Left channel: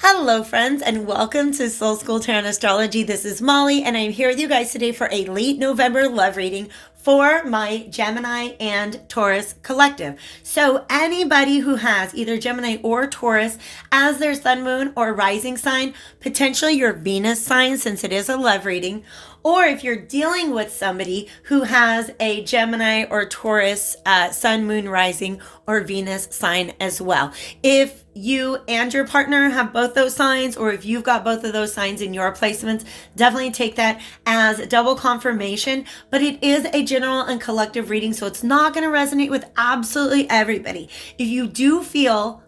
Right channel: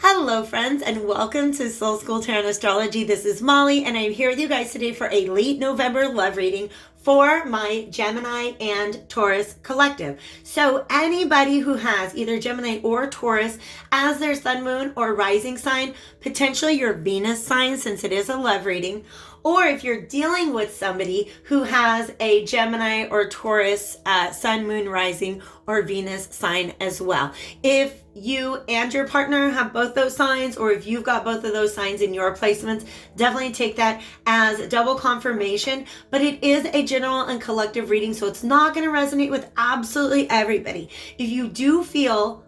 Hello, friends, and welcome to Soul School Tarot and Astrology. This is Molly, and I'm here with you guys today for a late November love reading for my Gemini and Taurus collective. So anybody who has either Gemini or Taurus as their sun, moon, or rising sign, potentially your Venus sign since it is a love reading, or if you're dealing with somebody who has a Gemini or Taurus sun, moon, rising, or Venus sign as well. If you and your partner have both those signs, or if you've got both of those signs in your placements, definitely take that as double confirmation. But it is a general and collective reading, so it's not going to resonate with absolutely everybody. If you do feel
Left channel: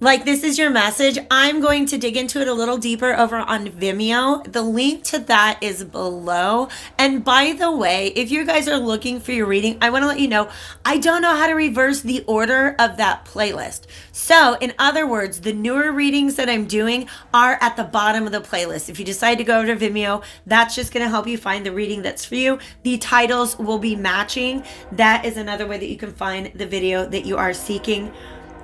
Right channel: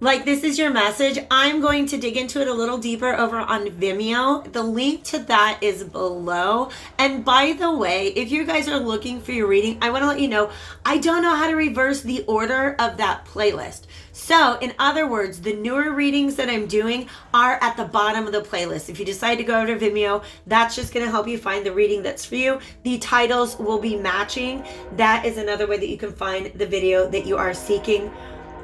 like this is your message, I'm going to dig into it a little deeper over on Vimeo. The link to that is below. And by the way, if you guys are looking for your reading, I want to let you know, I don't know how to reverse the order of that playlist. So in other words, the newer readings that I'm doing are at the bottom of the playlist. If you decide to go to Vimeo, that's just going to help you find the reading that's for you. The titles will be matching. That is another way that you can find the video that you are seeking,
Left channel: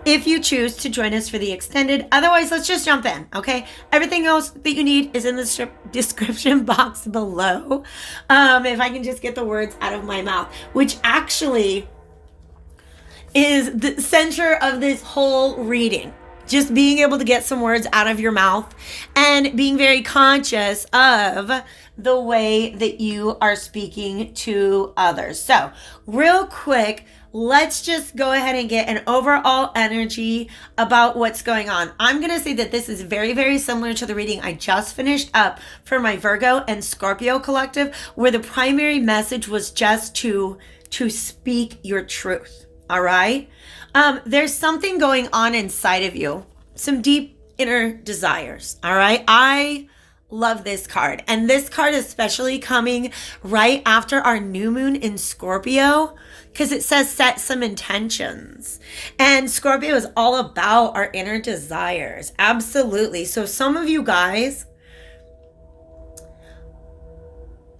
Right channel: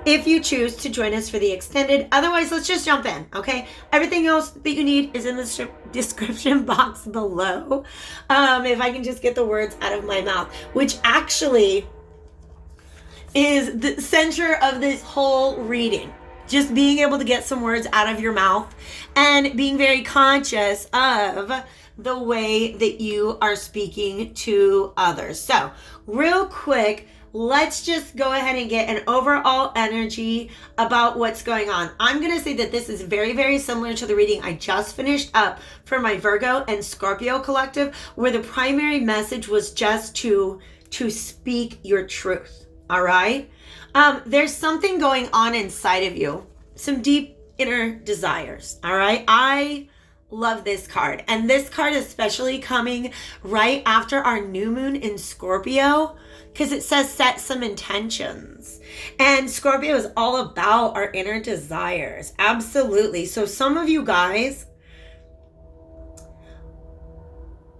if you choose to join us for the extended. Otherwise, let's just jump in, okay? Everything else that you need is in the description box below. If I can just get the words out of my mouth, which actually is the center of this whole reading. Just being able to get some words out of your mouth and being very conscious of the way that you are speaking to others. So real quick, let's just go ahead and get an overall energy about what's going on. I'm going to say that this is very, very similar to the reading I just finished up for my Virgo and Scorpio collective, where the primary message was just to speak your truth. All right. There's something going on inside of you, some deep inner desires. All right. I love this card, and this card especially coming right after our new moon in Scorpio, because it says set some intentions, and Scorpio is all about our inner desires. Absolutely. So some of you guys,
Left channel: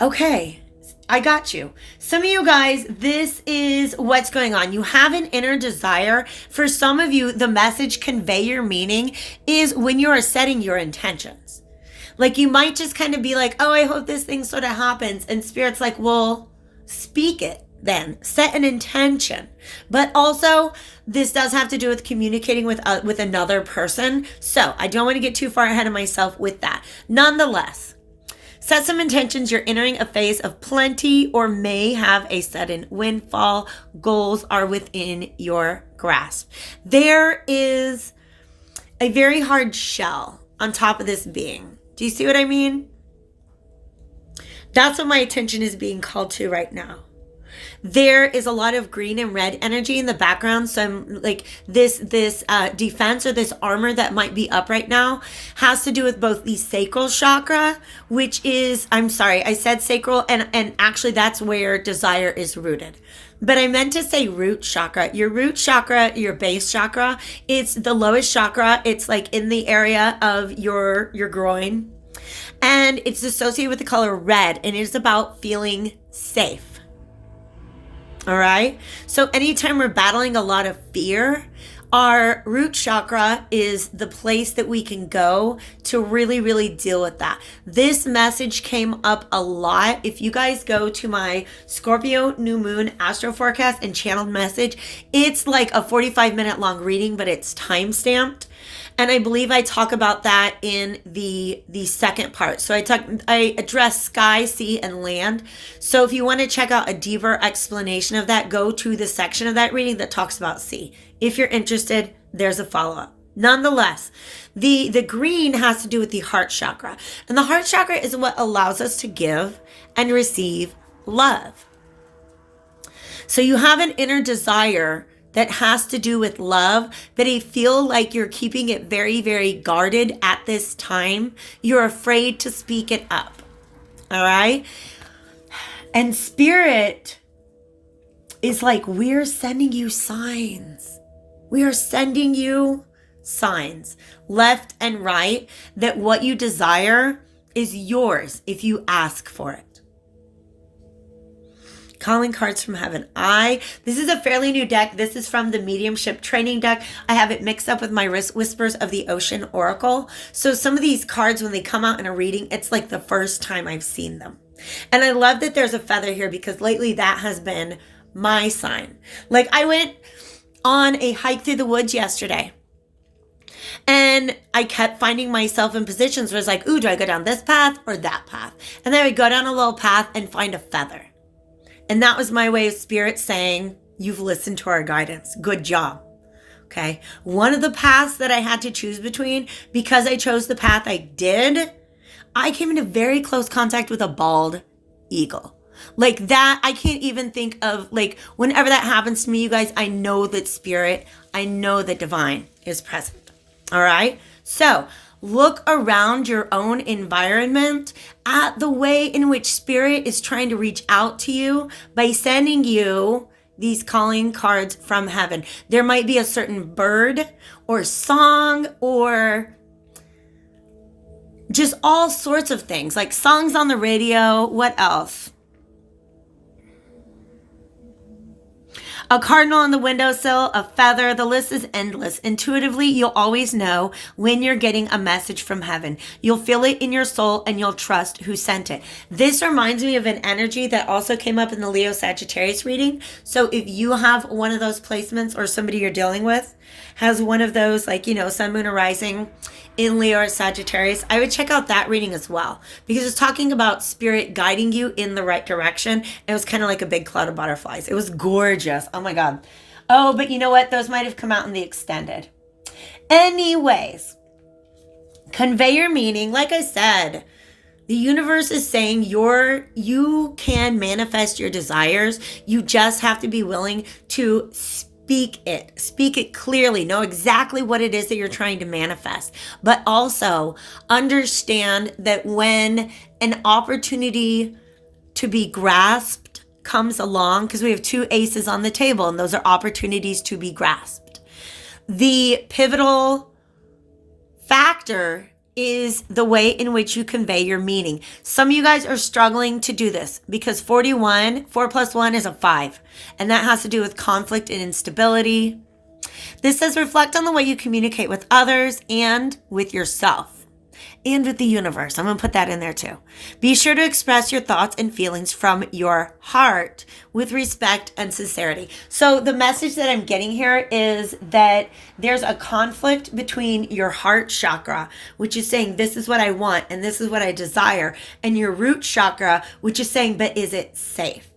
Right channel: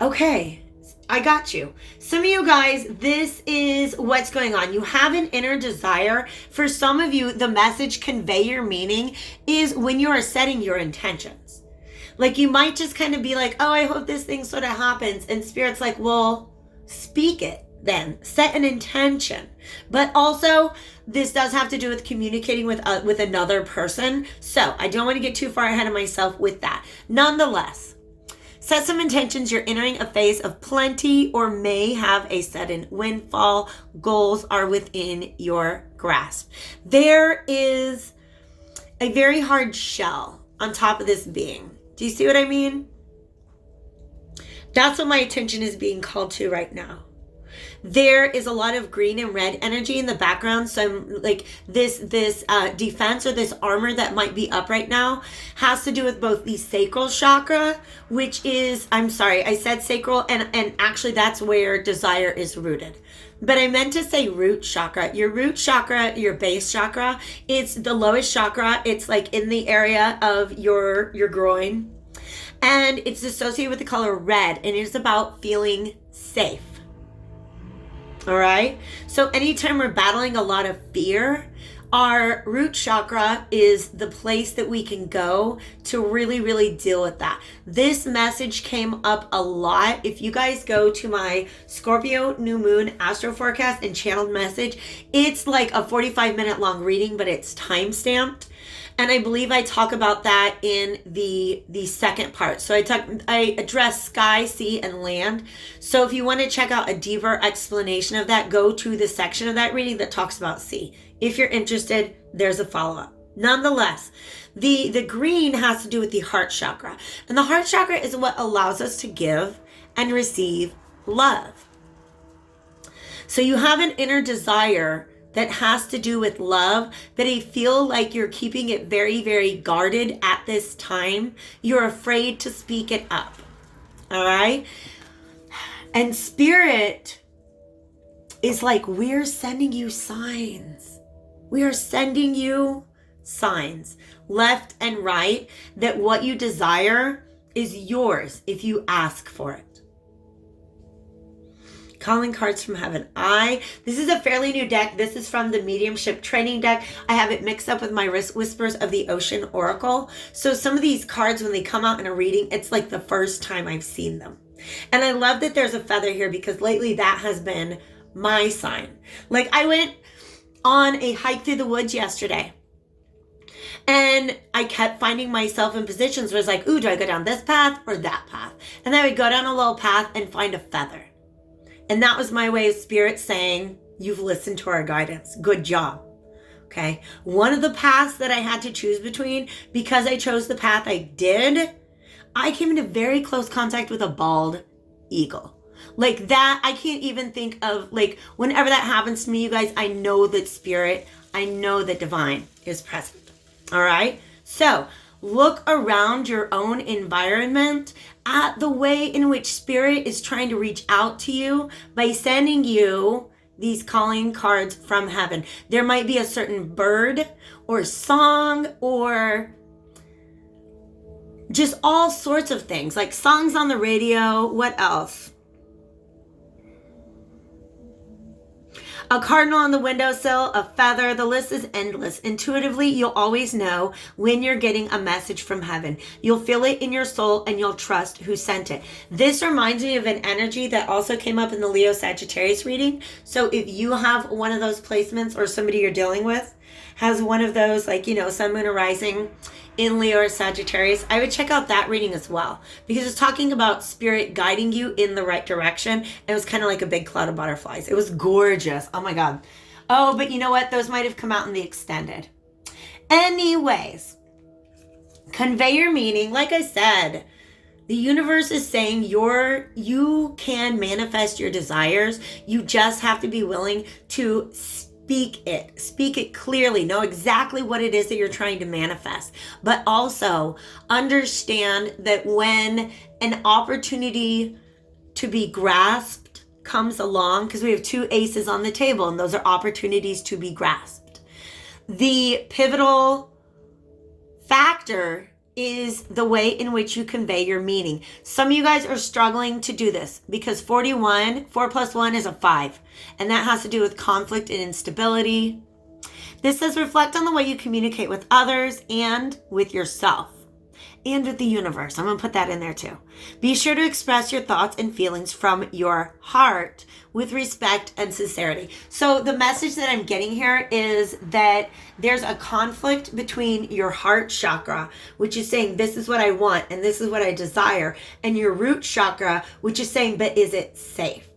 okay, I got you. Some of you guys, this is what's going on. You have an inner desire. For some of you, the message convey your meaning is when you are setting your intentions. Like you might just kind of be like, oh, I hope this thing sort of happens. And Spirit's like, well, speak it then. Set an intention. But also, this does have to do with communicating with another person. So I don't want to get too far ahead of myself with that. Nonetheless, set some intentions. You're entering a phase of plenty or may have a sudden windfall. Goals are within your grasp. There is a very hard shell on top of this being. Do you see what I mean? That's what my attention is being called to right now. There is a lot of green and red energy in the background. So I'm like this defense or this armor that might be up right now has to do with both the sacral chakra, which is, I'm sorry, I said sacral, and actually that's where desire is rooted. But I meant to say root chakra. Your root chakra, your base chakra, it's the lowest chakra. It's like in the area of your groin. And it's associated with the color red, and it's about feeling safe. All right. So anytime we're battling a lot of fear, our root chakra is the place that we can go to really, really deal with that. This message came up a lot. If you guys go to my Scorpio new moon astro forecast and channeled message, it's like a 45-minute long reading, but it's time-stamped. And I believe I talk about that in the second part. So I address sky, sea, and land. So if you want to check out a deeper explanation of that, go to the section of that reading that talks about sea. If you're interested, there's a follow-up. Nonetheless, the green has to do with the heart chakra. And the heart chakra is what allows us to give and receive love. So you have an inner desire that has to do with love, but I feel like you're keeping it very, very guarded at this time. You're afraid to speak it up. All right? And Spirit is like, we're sending you signs. We are sending you signs, left and right, that what you desire is yours if you ask for it. Calling cards from heaven. This is a fairly new deck. This is from the mediumship training deck. I have it mixed up with my Whispers of the Ocean Oracle. So some of these cards, when they come out in a reading, it's like the first time I've seen them. And I love that there's a feather here because lately that has been my sign. Like I went on a hike through the woods yesterday and I kept finding myself in positions where it's like, ooh, do I go down this path or that path? And then I would go down a little path and find a feather. And that was my way of spirit saying, you've listened to our guidance. Good job. Okay. One of the paths that I had to choose between, because I chose the path I did, I came into very close contact with a bald eagle. Like that, I can't even think of, like, whenever that happens to me, you guys, I know that spirit, I know that divine is present. All right. So look around your own environment at the way in which spirit is trying to reach out to you by sending you these calling cards from heaven. There might be a certain bird or song or just all sorts of things, like songs on the radio. What else? A cardinal on the windowsill, a feather. The list is endless. Intuitively, you'll always know when you're getting a message from heaven. You'll feel it in your soul and you'll trust who sent it. This reminds me of an energy that also came up in the Leo Sagittarius reading. So if you have one of those placements or somebody you're dealing with has one of those, like, you know, sun, moon, or rising in Leo or Sagittarius, I would check out that reading as well, because it's talking about spirit guiding you in the right direction. And it was kind of like a big cloud of butterflies. It was gorgeous. Oh my God. Oh, but you know what? Those might have come out in the extended. Anyways, convey your meaning. Like I said, the universe is saying you can manifest your desires. You just have to be willing to speak it clearly, know exactly what it is that you're trying to manifest, but also understand that when an opportunity to be grasped comes along, because we have two aces on the table and those are opportunities to be grasped. The pivotal factor is the way in which you convey your meaning. Some of you guys are struggling to do this because 4 plus 1 is a 5. And that has to do with conflict and instability. This says reflect on the way you communicate with others and with yourself and with the universe. I'm going to put that in there too. Be sure to express your thoughts and feelings from your heart with respect and sincerity. So the message that I'm getting here is that there's a conflict between your heart chakra, which is saying, this is what I want and this is what I desire, and your root chakra, which is saying, but is it safe?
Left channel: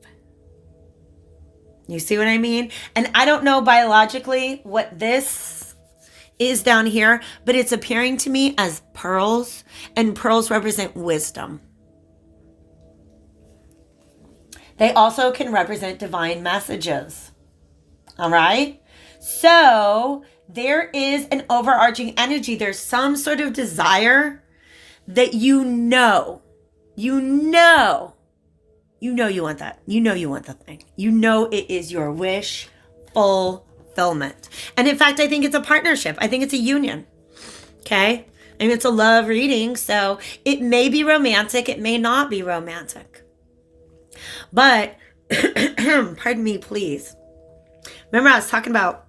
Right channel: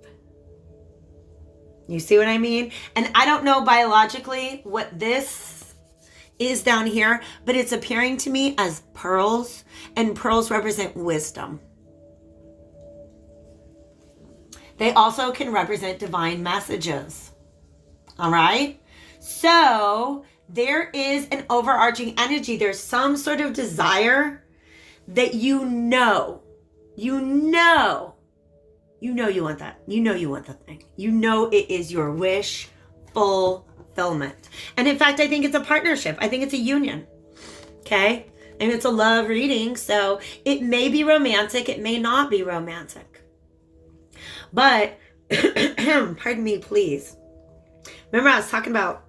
You see what I mean? And I don't know biologically what this is down here, but it's appearing to me as pearls, and pearls represent wisdom. They also can represent divine messages. All right? So there is an overarching energy. There's some sort of desire that you know you want that. You know you want the thing. You know it is your wish fulfillment. And in fact, I think it's a partnership. I think it's a union. Okay? I mean, it's a love reading, so it may be romantic. It may not be romantic. But, pardon me, please. Remember I was talking about,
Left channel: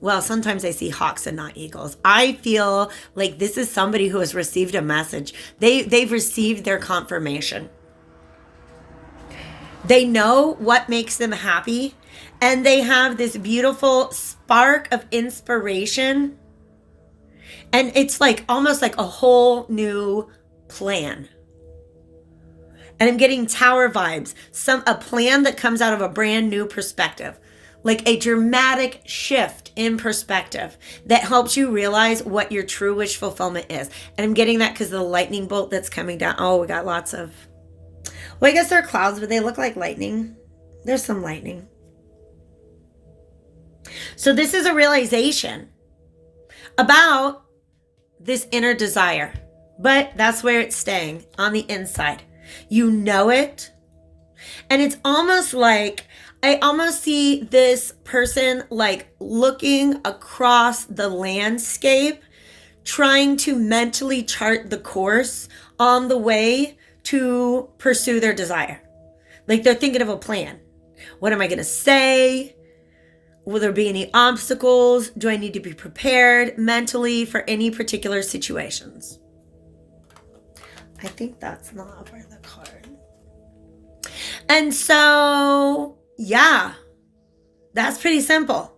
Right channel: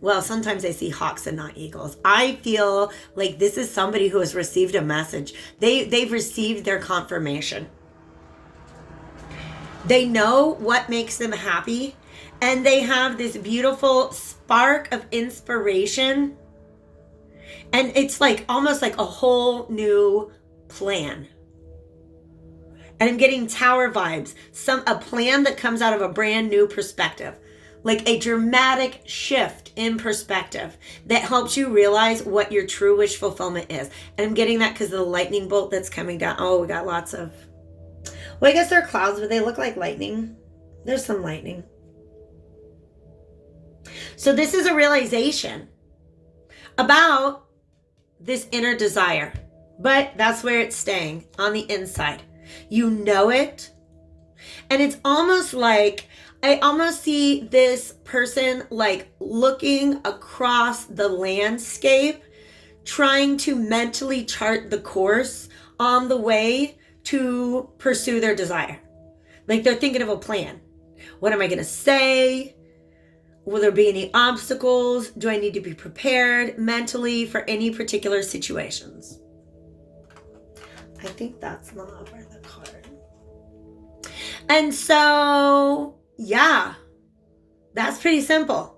well, sometimes I see hawks and not eagles. I feel like this is somebody who has received a message. They've received their confirmation. They know what makes them happy, and they have this beautiful spark of inspiration. And it's like almost like a whole new plan. And I'm getting tower vibes, a plan that comes out of a brand new perspective, like a dramatic shift in perspective that helps you realize what your true wish fulfillment is. And I'm getting that because of the lightning bolt that's coming down. Oh, we got lots of, well, I guess they're clouds, but they look like lightning. There's some lightning. So this is a realization about this inner desire, but that's where it's staying, on the inside. You know it. And it's almost like, I almost see this person like looking across the landscape, trying to mentally chart the course on the way to pursue their desire. Like they're thinking of a plan. What am I going to say? Will there be any obstacles? Do I need to be prepared mentally for any particular situations? I think that's not over the card. And so, yeah, that's pretty simple.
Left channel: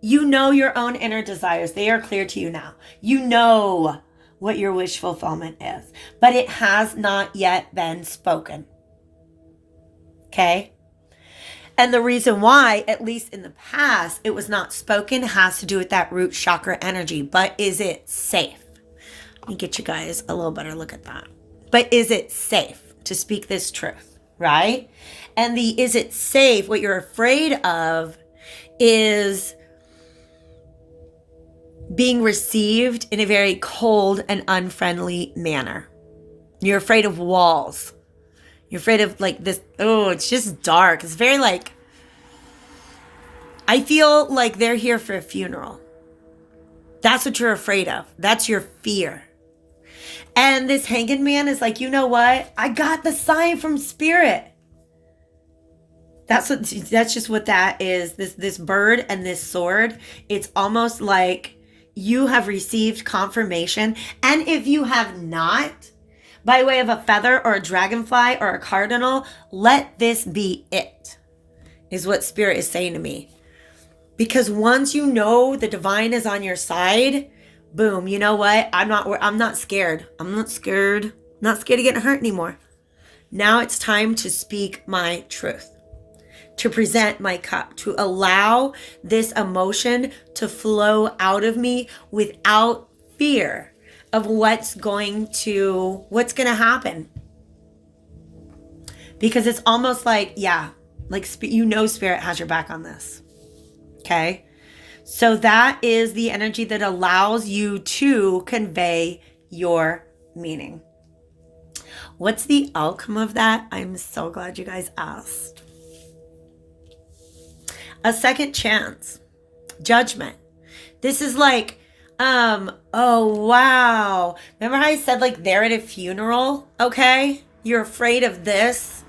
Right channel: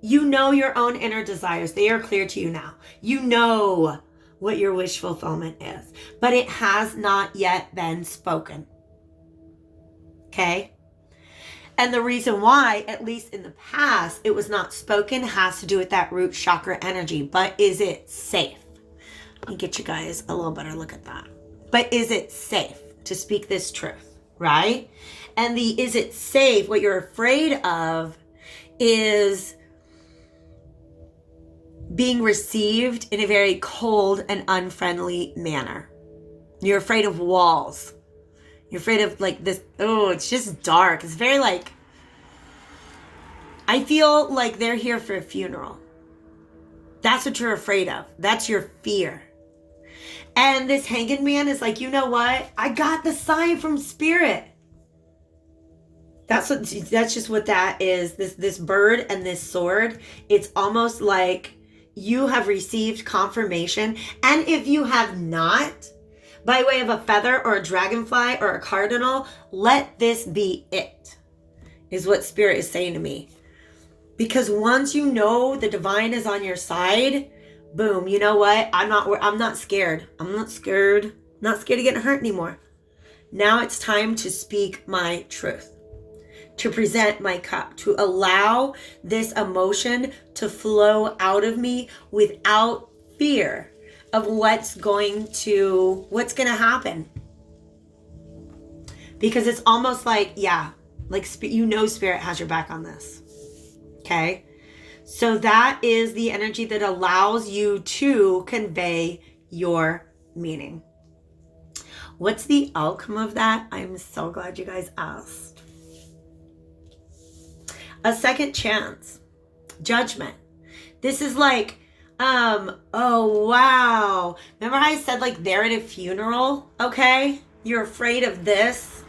You know your own inner desires. They are clear to you now. You know what your wish fulfillment is, but it has not yet been spoken. Okay? And the reason why, at least in the past, it was not spoken has to do with that root chakra energy. But is it safe? Let me get you guys a little better look at that. But is it safe to speak this truth, right? And the is it safe, what you're afraid of is being received in a very cold and unfriendly manner. You're afraid of walls. You're afraid of like this, oh, it's just dark. It's very like, I feel like they're here for a funeral. That's what you're afraid of. That's your fear. And this hanged man is like, you know what? I got the sign from spirit. That's just what that is. This bird and this sword, it's almost like you have received confirmation. And if you have not, by way of a feather or a dragonfly or a cardinal, let this be it, is what spirit is saying to me. Because once you know the divine is on your side, boom, you know what? I'm not scared. I'm not scared. Not scared of getting hurt anymore. Now it's time to speak my truth, to present my cup, to allow this emotion to flow out of me without fear of what's going to happen. Because it's almost like, yeah, like spirit has your back on this. Okay? So that is the energy that allows you to convey your meaning. What's the outcome of that? I'm so glad you guys asked. A second chance. Judgment. This is like, oh, wow. Remember how I said like they're at a funeral? Okay. You're afraid of this.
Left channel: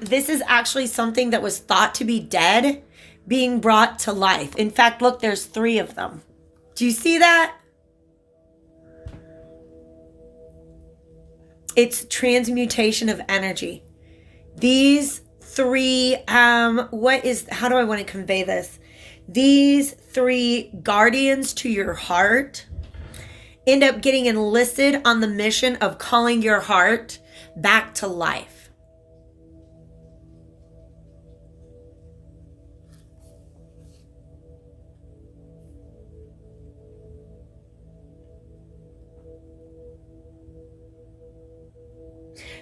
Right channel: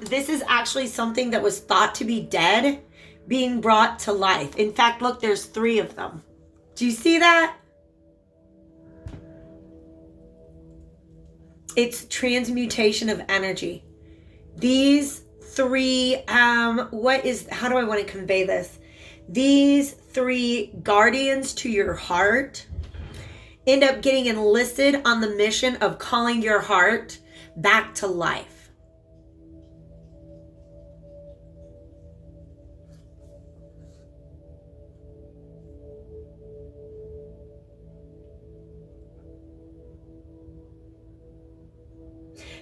This is actually something that was thought to be dead being brought to life. In fact, look, there's 3 of them. Do you see that? It's transmutation of energy. These 3, how do I want to convey this? These 3 guardians to your heart end up getting enlisted on the mission of calling your heart back to life.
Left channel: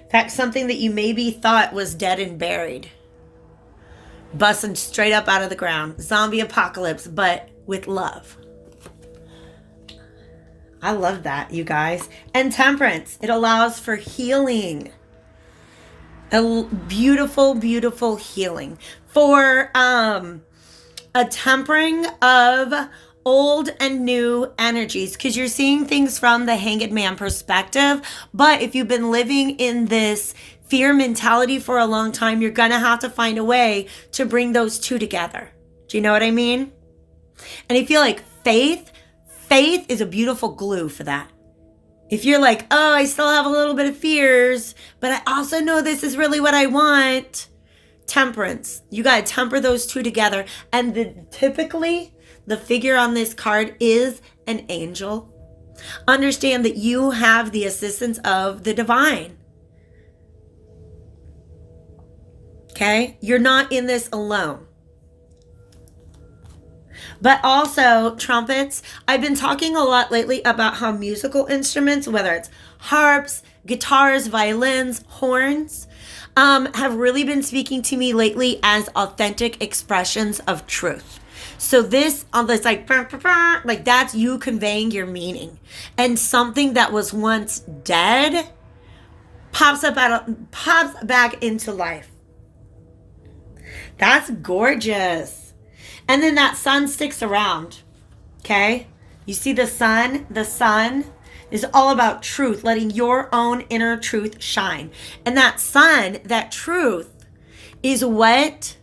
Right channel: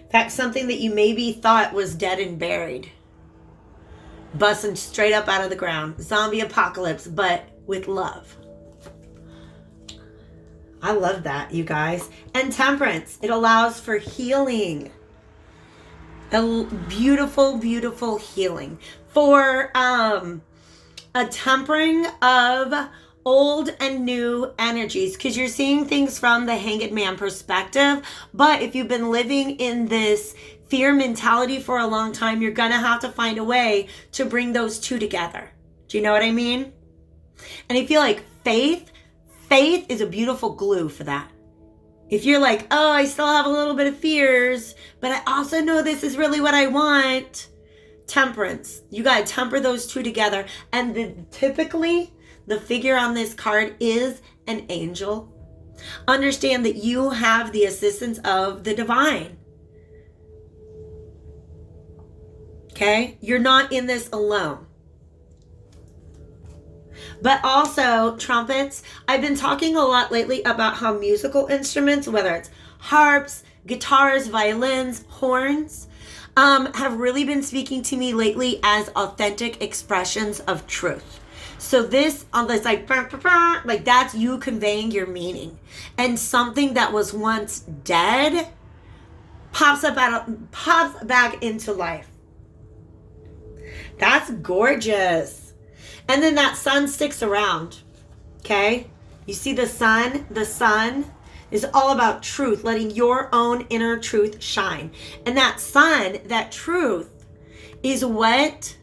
In fact, something that you maybe thought was dead and buried, busting straight up out of the ground. Zombie apocalypse, but with love. I love that, you guys. And temperance. It allows for healing. A beautiful, beautiful healing. For a tempering of old and new energies, because you're seeing things from the hanged man perspective. But if you've been living in this fear mentality for a long time, you're gonna have to find a way to bring those 2 together. Do you know what I mean? And I feel like faith is a beautiful glue for that. If you're like, oh, I still have a little bit of fears, but I also know this is really what I want. Temperance. You gotta temper those 2 together. And typically, the figure on this card is an angel. Understand that you have the assistance of the divine. Okay? You're not in this alone. But also, trumpets. I've been talking a lot lately about how musical instruments, whether it's harps, guitars, violins, horns, have really been speaking to me lately as authentic expressions of truth. So this, it's like that's you conveying your meaning. And something that was once dead pops back into life. That's gorgeous. And then that sun sticks around. Okay? You see the sun? The sun is all about truth, letting your own inner truth shine. And that sun, that truth, is what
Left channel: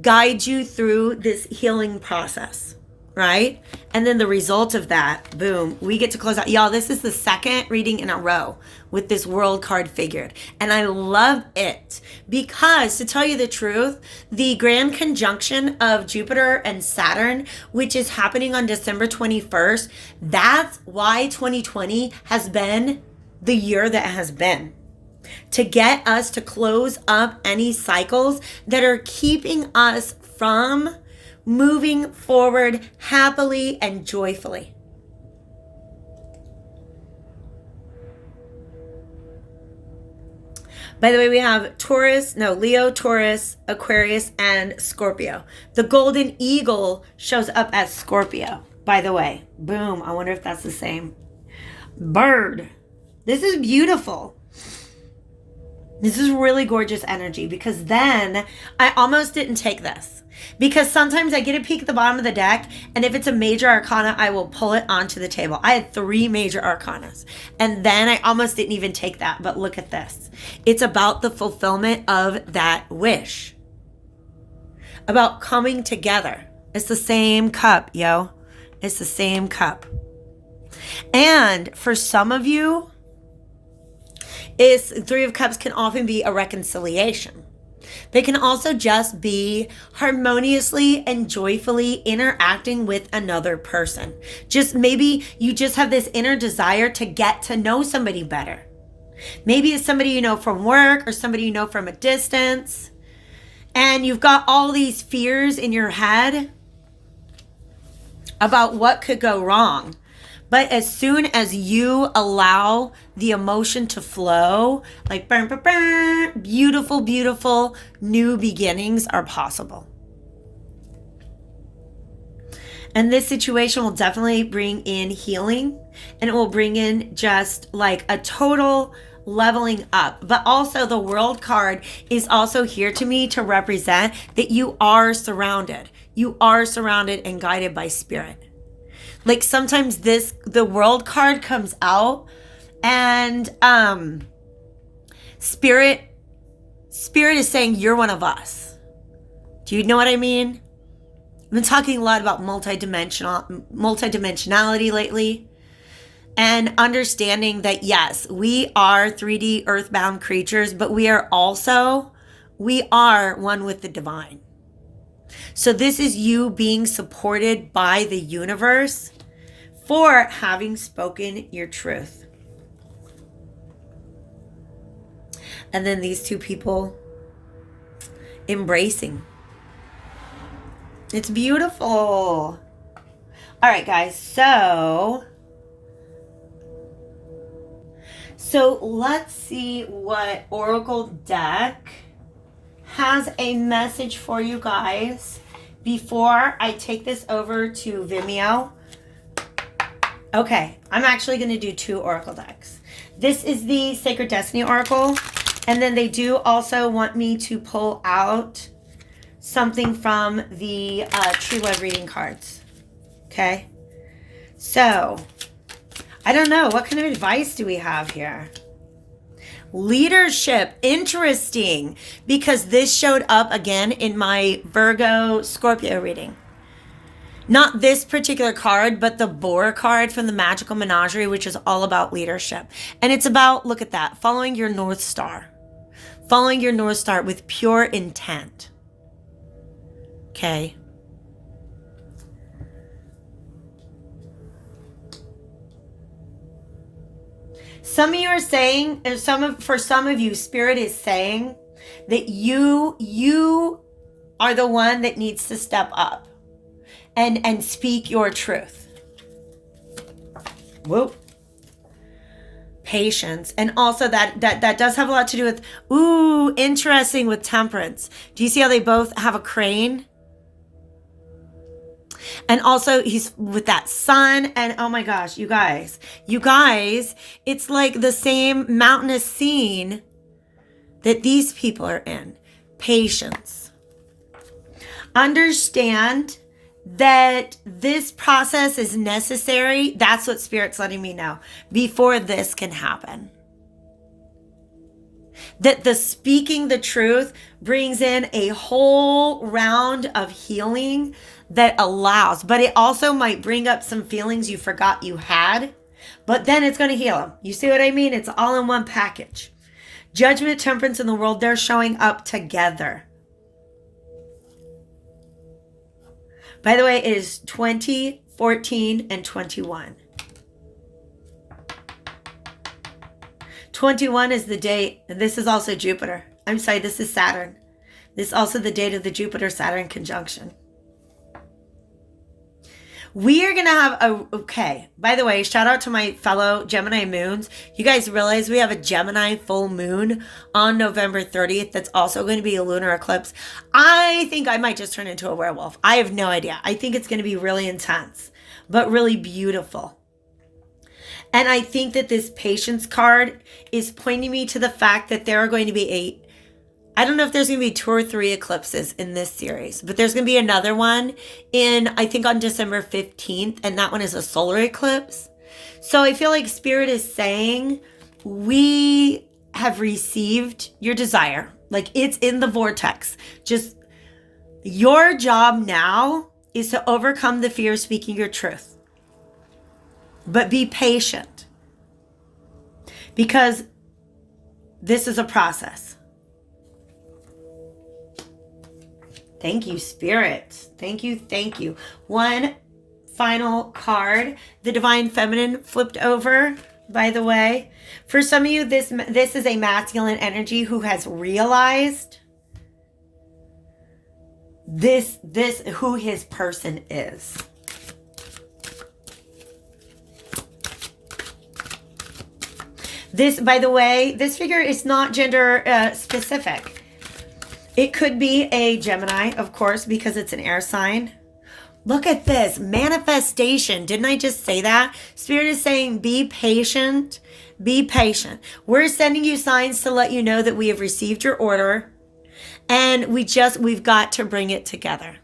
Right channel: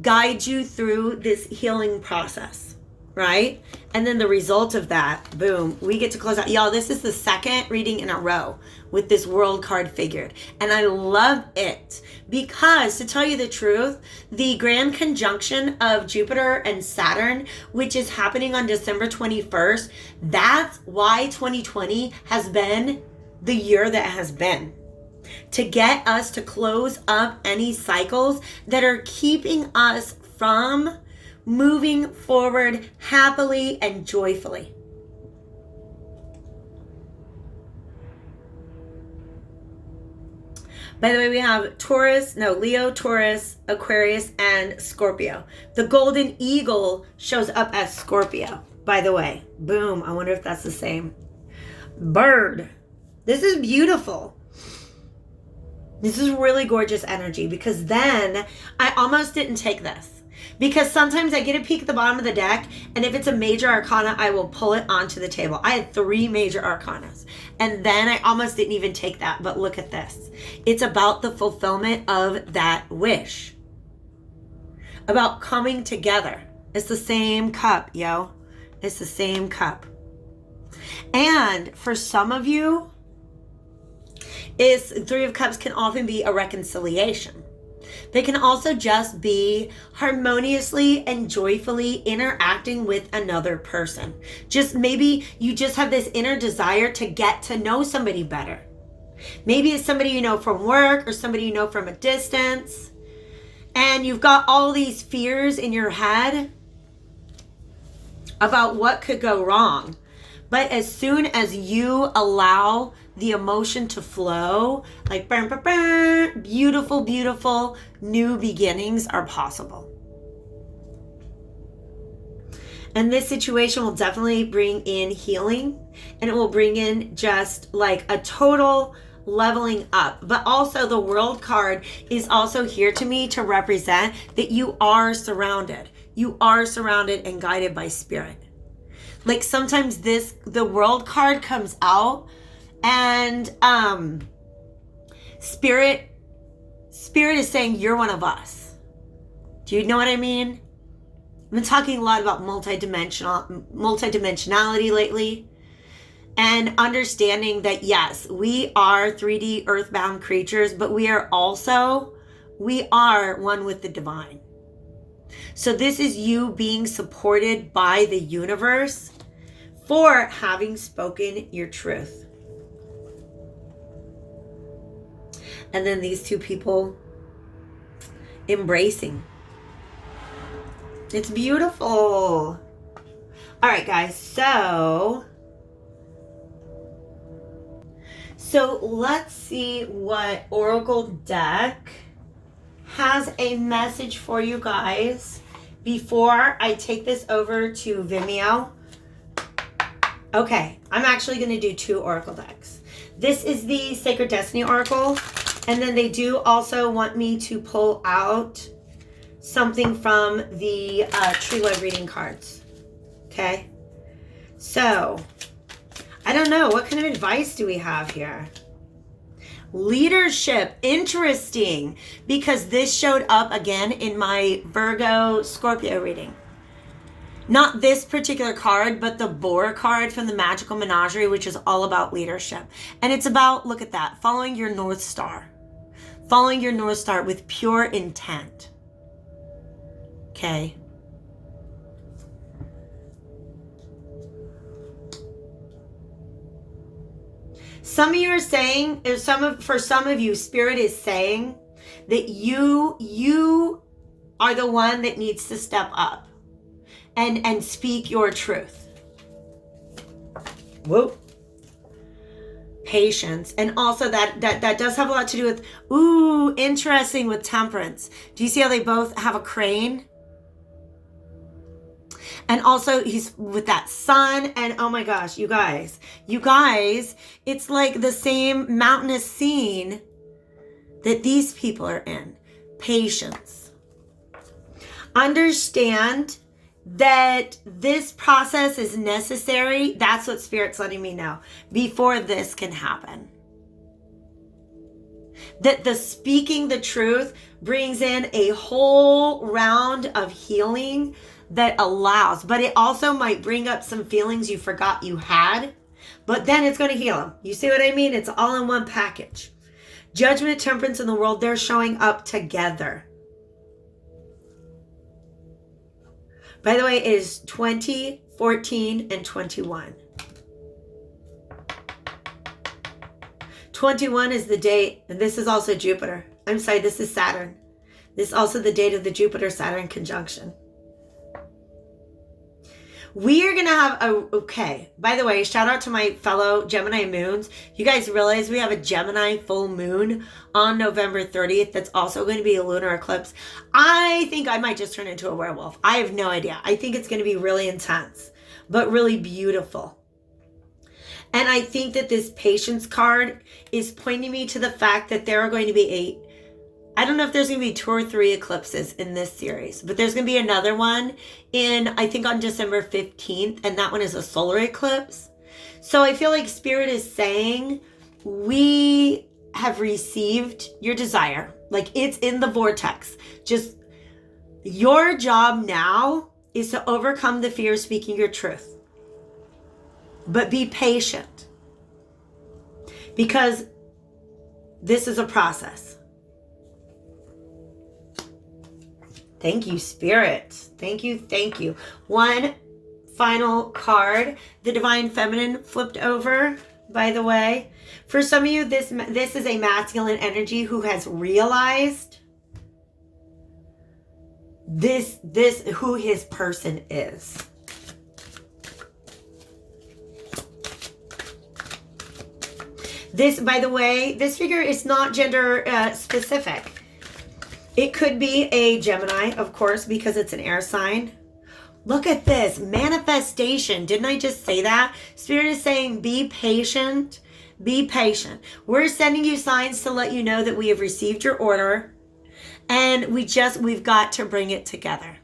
guides you through this healing process, right? And then the result of that, boom, we get to close out. Y'all, this is the second reading in a row with this world card figured. And I love it because, to tell you the truth, the grand conjunction of Jupiter and Saturn, which is happening on December 21st, that's why 2020 has been the year that has been. To get us to close up any cycles that are keeping us from moving forward happily and joyfully. By the way, we have Leo, Taurus, Aquarius, and Scorpio. The golden eagle shows up as Scorpio, by the way. Boom. I wonder if that's the same bird. This is beautiful. This is really gorgeous energy, because then I almost didn't take this. Because sometimes I get a peek at the bottom of the deck, and if it's a major arcana, I will pull it onto the table. I had 3 major arcanas, and then I almost didn't even take that. But look at this. It's about the fulfillment of that wish. About coming together. It's the same cup, yo. It's the same cup. And for some of you, Three of Cups can often be a reconciliation. They can also just be harmoniously and joyfully interacting with another person. Just maybe you just have this inner desire to get to know somebody better. Maybe it's somebody you know from work or somebody you know from a distance. And you've got all these fears in your head about what could go wrong. But as soon as you allow the emotion to flow, like burn, burn, burn, beautiful, beautiful new beginnings are possible. And this situation will definitely bring in healing, and it will bring in just like a total leveling up. But also the World card is also here to me to represent that you are surrounded. You are surrounded and guided by spirit. Like sometimes the World card comes out and spirit is saying you're one of us. Do you know what I mean? I've been talking a lot about multidimensionality lately, and understanding that yes, we are 3D earthbound creatures, but we are one with the divine. So this is you being supported by the universe for having spoken your truth. And then these two people embracing. It's beautiful. All right, guys. So let's see what Oracle deck has a message for you guys before I take this over to Vimeo. Okay, I'm actually going to do 2 Oracle decks. This is the Sacred Destiny Oracle, and then they do also want me to pull out something from the True Love reading cards. Okay, so I don't know, what kind of advice do we have here? Leadership, interesting, because this showed up again in my Virgo Scorpio reading. Not this particular card, but the Boar card from the Magical Menagerie, which is all about leadership. And it's about, look at that, following your North Star. Following your North Star with pure intent. Okay. Some of you are saying, for some of you, Spirit is saying that you are the one that needs to step up and speak your truth. Whoop. Patience. And also that does have a lot to do with, interesting, with Temperance. Do you see how they both have a crane? And also he's with that sun, and oh my gosh, you guys, it's like the same mountainous scene that these people are in. Patience. Understand that this process is necessary. That's what Spirit's letting me know before this can happen. That the speaking the truth brings in a whole round of healing that allows, but it also might bring up some feelings you forgot you had, but then it's going to heal them. You see what I mean? It's all in one package. Judgment, temperance, in the world, they're showing up together. By the way, it is 20, 14, and 21. 21 is the date, and this is also Jupiter. I'm sorry, this is Saturn. This is also the date of the Jupiter-Saturn conjunction. We are going to have okay, by the way, shout out to my fellow Gemini moons. You guys realize we have a Gemini full moon on November 30th that's also going to be a lunar eclipse. I think I might just turn into a werewolf. I have no idea. I think it's going to be really intense, but really beautiful. And I think that this patience card is pointing me to the fact that there are going to be I don't know if there's going to be 2 or 3 eclipses in this series, but there's going to be another one I think on December 15th, and that one is a solar eclipse. So I feel like Spirit is saying, we have received your desire. Like, it's in the vortex. Just your job now is to overcome the fear of speaking your truth. But be patient, because this is a process. Thank you, Spirit. Thank you. Thank you. One final card, the Divine Feminine flipped over, by the way. For some of you, this is a masculine energy who has realized this who his person is. This, by the way, this figure is not gender specific. It could be a Gemini, of course, because it's an air sign. Look at this, manifestation. Didn't I just say that? Spirit is saying, be patient, be patient. We're sending you signs to let you know that we have received your order, and we've got to bring it together.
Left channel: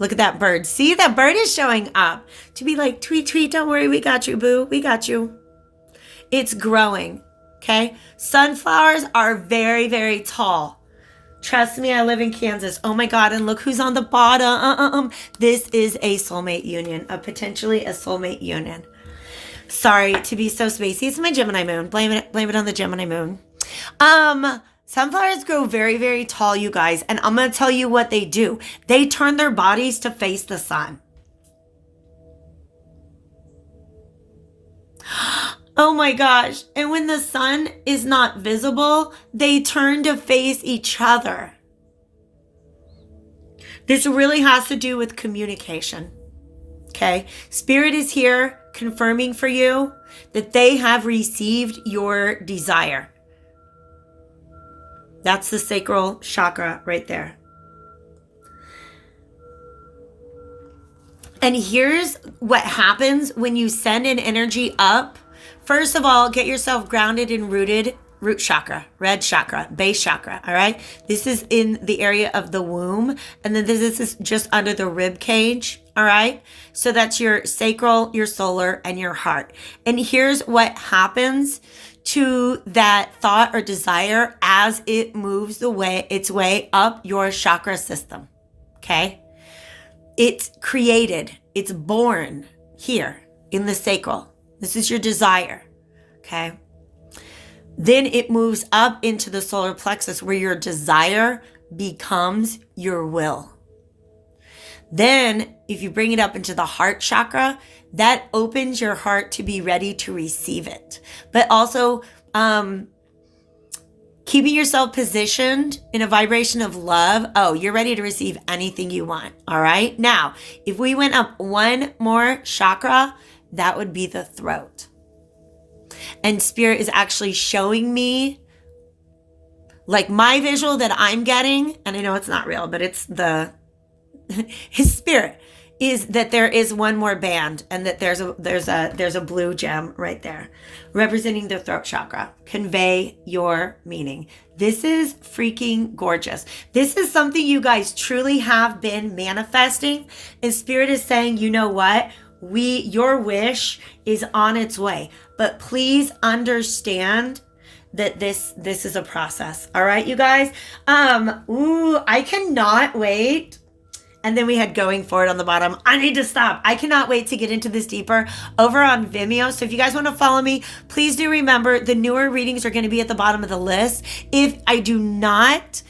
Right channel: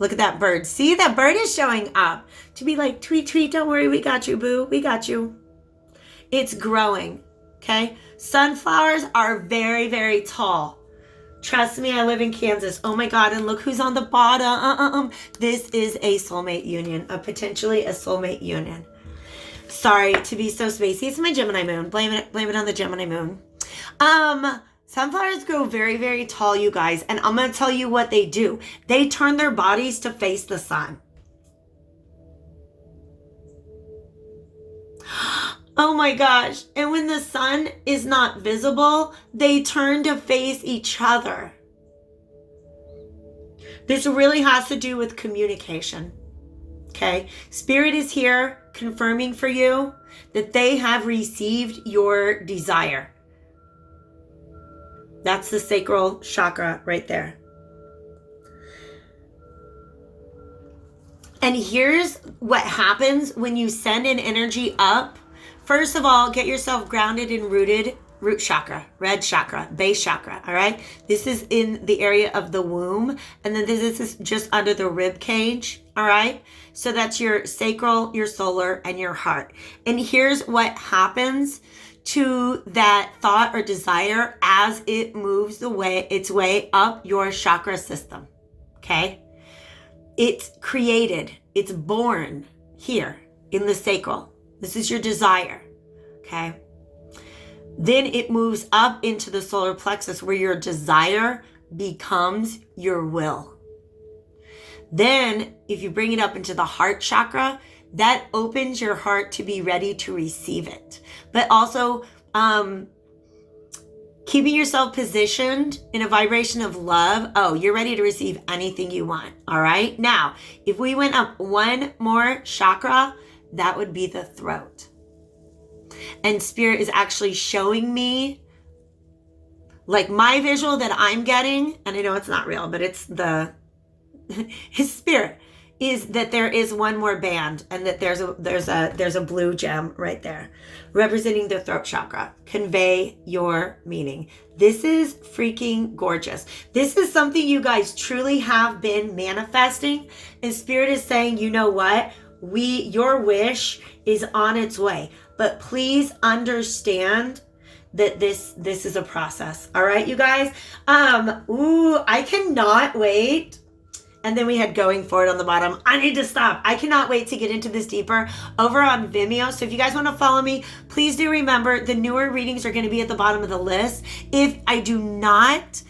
Look at that bird. See, that bird is showing up to be like, tweet, tweet, don't worry, we got you, boo, we got you. It's growing, okay? Sunflowers are very, very tall. Trust me, I live in Kansas. Oh my God, and look who's on the bottom. This is a soulmate union, potentially a soulmate union. Sorry to be so spacey. It's my Gemini moon. Blame it on the Gemini moon. Sunflowers grow very, very tall, you guys, and I'm going to tell you what they do. They turn their bodies to face the sun. Oh my gosh. And when the sun is not visible, they turn to face each other. This really has to do with communication. Okay? Spirit is here confirming for you that they have received your desire. That's the sacral chakra right there. And here's what happens when you send an energy up. First of all, get yourself grounded and rooted. Root chakra, red chakra, base chakra, all right? This is in the area of the womb, and then this is just under the rib cage, all right? So that's your sacral, your solar, and your heart. And here's what happens to that thought or desire as it moves its way up your chakra system, okay? It's created, it's born here in the sacral. This is your desire, okay? Then it moves up into the solar plexus where your desire becomes your will. Then if you bring it up into the heart chakra, that opens your heart to be ready to receive it. But also keeping yourself positioned in a vibration of love. Oh, you're ready to receive anything you want, all right? Now, if we went up one more chakra, that would be the throat. And Spirit is actually showing me, like my visual that I'm getting, and I know it's not real, but it's his Spirit, is that there is one more band, and that there's a blue gem right there representing the throat chakra. Convey your meaning. This is freaking gorgeous. This is something you guys truly have been manifesting, and Spirit is saying, you know what? Your wish is on its way, but please understand that this is a process. All right, you guys. I cannot wait. And then we had going forward on the bottom. I need to stop. I cannot wait to get into this deeper over on Vimeo. So if you guys want to follow me, please do remember the newer readings are going to be at the bottom of the list. If I do not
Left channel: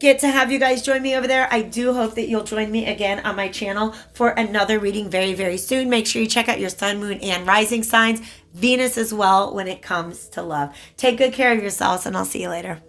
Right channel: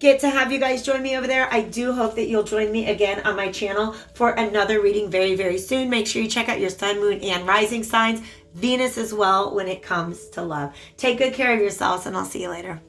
get to have you guys join me over there, I do hope that you'll join me again on my channel for another reading very, very soon. Make sure you check out your sun, moon, and rising signs. Venus as well when it comes to love. Take good care of yourselves, and I'll see you later.